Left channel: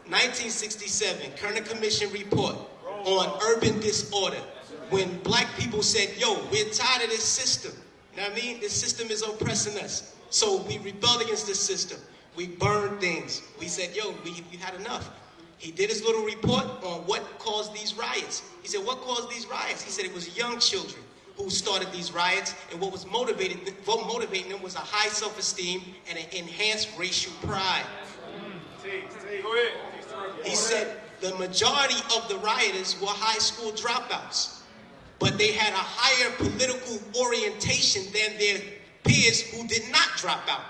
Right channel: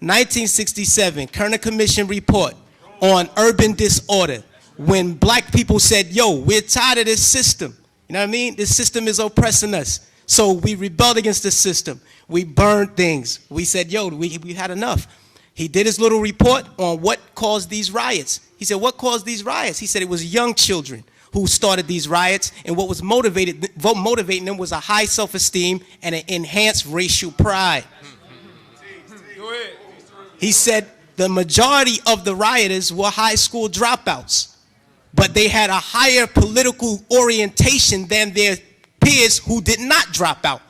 1967, Kerner Commission report on urban disorder. When black people said, yo, we're tired of this system. You know what I mean? This system is oppressing us. So we rebelled against the system. We burned things. We said, yo, we had enough. He did his little report on what caused these riots. He said, what caused these riots? He said it was young children who started these riots, and what was motivating them was a high self-esteem and an enhanced racial pride. He said the majority of the rioters were high school dropouts, but they had a higher political orientation than their peers who did not drop out.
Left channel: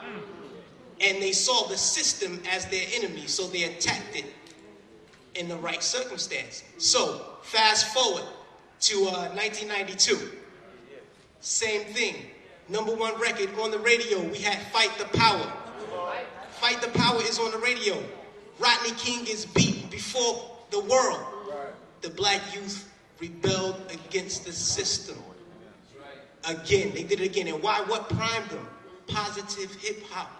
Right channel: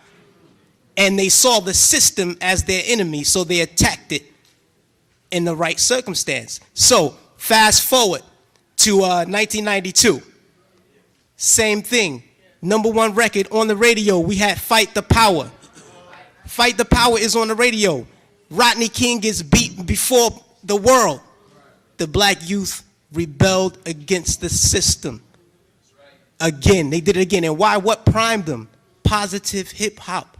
And they saw the system as their enemy, so they attacked it in the right circumstance. So, fast forward to 1992. Same thing. #1 record on the radio, we had Fight the Power. Fight the Power is on the radio. Rodney King gets beaten before the world. The black youth rebelled against the system. Again, they did it again. And why? What primed them? Positive hip hop.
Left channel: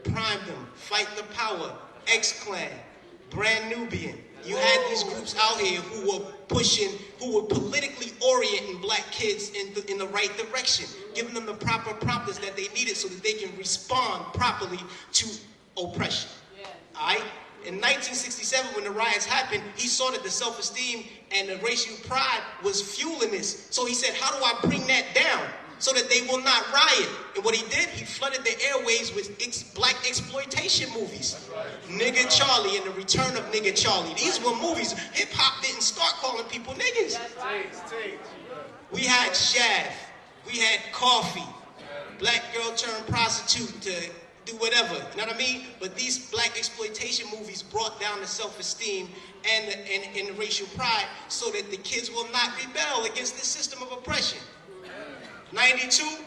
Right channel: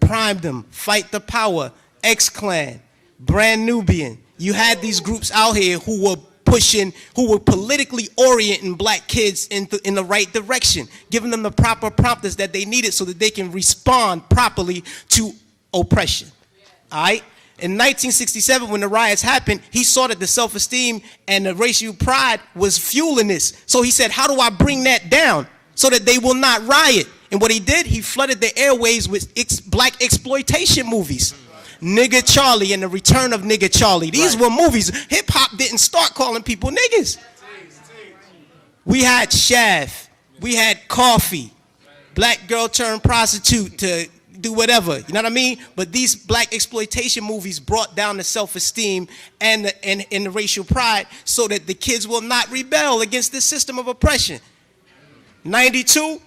Primed them. Fight the Power, X-Clan, Brand Nubian. You had these groups out here who were pushing, who were politically orienting black kids in the right direction, giving them the proper prompters that they needed so that they can respond properly to oppression. All right? In 1967, when the riots happened, he saw that the self-esteem and the racial pride was fueling this. So he said, how do I bring that down so that they will not riot? And what he did, he flooded the airways with black exploitation movies. Nigga Charlie and the Return of Nigga Charlie. These were movies. Hip-hop didn't start calling people niggas. We had Shaft. We had Coffee. Black girl turned prostitute to do whatever. You know what I mean? But these black exploitation movies brought down the self-esteem and the racial pride so that the kids will not rebel against this system of oppression. 92,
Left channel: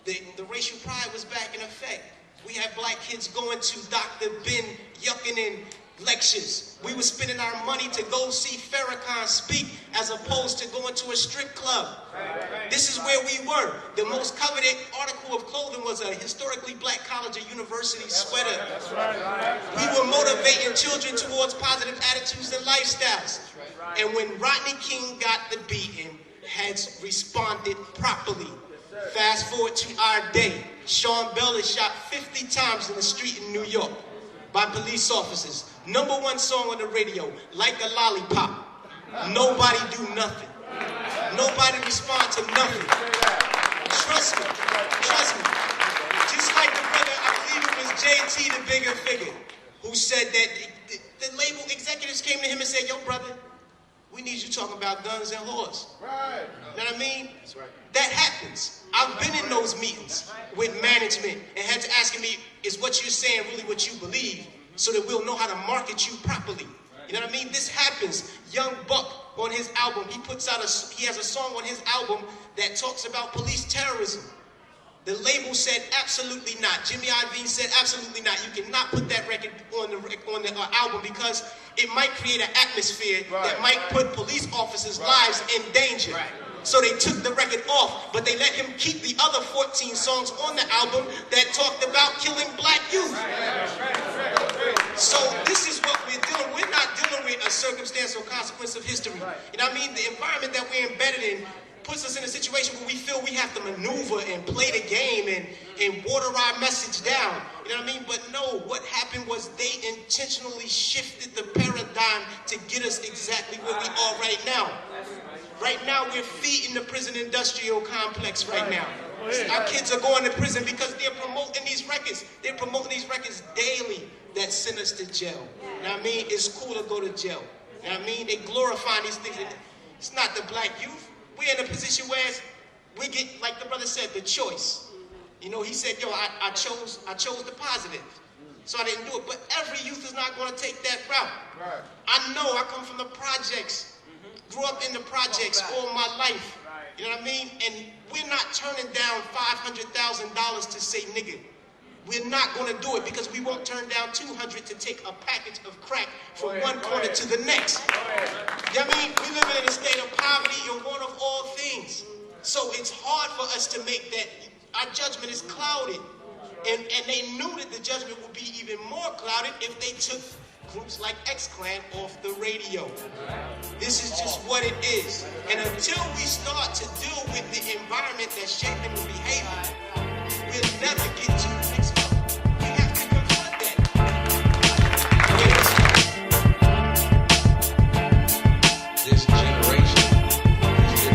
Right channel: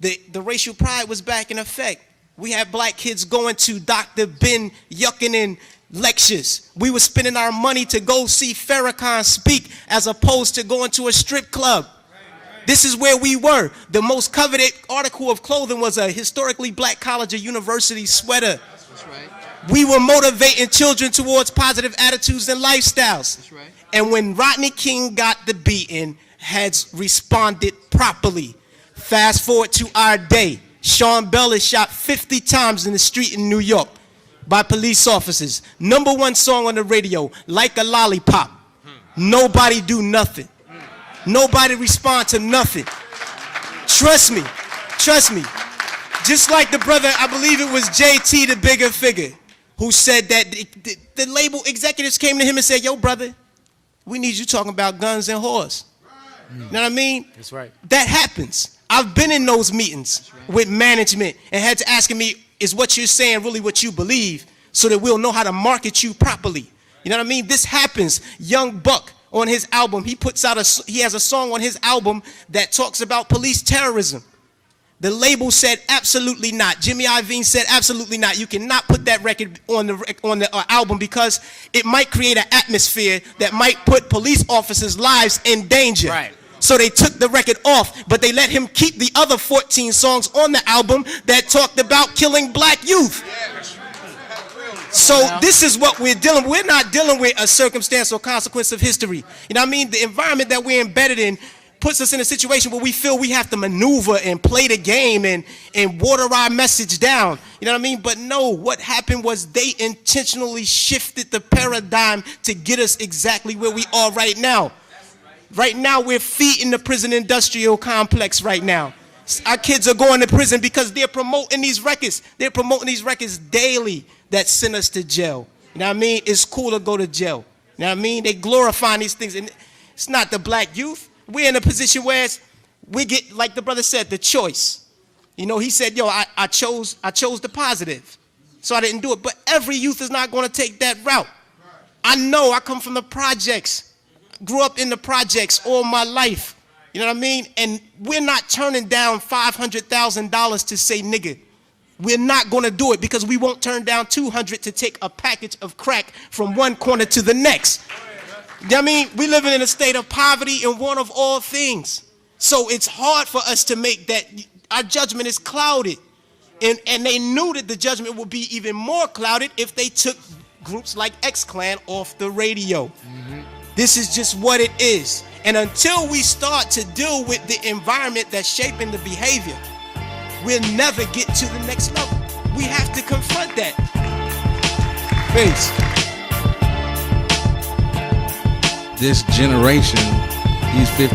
the racial pride was back in effect. We had black kids going to Dr. Ben Yuckinen lectures. We were spending our money to go see Farrakhan speak as opposed to going to a strip club. This is where we were. The most coveted article of clothing was a historically black college or university sweater. We were motivating children towards positive attitudes and lifestyles. And when Rodney King got the beating, heads responded properly. Fast forward to our day. Sean Bell is shot 50 times in the street in New York by police officers. #1 song on the radio, Like a Lollipop. Nobody do nothing. Nobody respond to nothing. Trust me, trust me. Just like the brother, I believe it was JT, the bigger figure, who said that the label executives came to him and said, yo brother, we need you talking about guns and whores. You know what I mean? That's right. That happens. I've been in those meetings with management and had to ask me, is what you're saying really what you believe so that we'll know how to market you properly? You know what I mean? This happens. Young Buck on his album, he has a song on his album that talks about police terrorism. The label said absolutely not. Jimmy Iovine said absolutely not. You cannot put that record on the album because it might create an atmosphere that might put police officers' lives in danger. Right. So they took the record off, but they let him keep the other 14 songs on the album that talked about killing black youth. So this is what we're dealing with. We're not dealing with a circumstance or consequence of history. You know what I mean? The environment that we're embedded in puts us in a situation where we feel we have to maneuver and play the game and water our message down. You know what I mean? But no, what happened was they intentionally shifted the paradigm to get us exactly where we are right now. Right now, we're feeding the prison industrial complex right now. Our kids are going to prison because they're promoting these records. They're promoting these records daily that send us to jail. You know what I mean? It's cool to go to jail. You know what I mean? They glorifying these things. And it's not the black youth. We're in a position where we get, like the brother said, the choice. You know, he said, yo, I chose the positive. So I didn't do it. But every youth is not going to take that route. I know I come from the projects. Grew up in the projects all my life. You know what I mean? And we're not turning down $500,000 to say nigga. We're not going to do it because we won't turn down $200 to take a package of crack from one corner to the next. You know what I mean? We living in a state of poverty and want of all things. So it's hard for us to make that. Our judgment is clouded. And they knew that the judgment would be even more clouded if they took groups like X-Clan off the radio. This is just what it is. And until we start to deal with the environment that's shaping the behavior, we'll never get to the next level. We have to confront that. Peace. This generation, these 15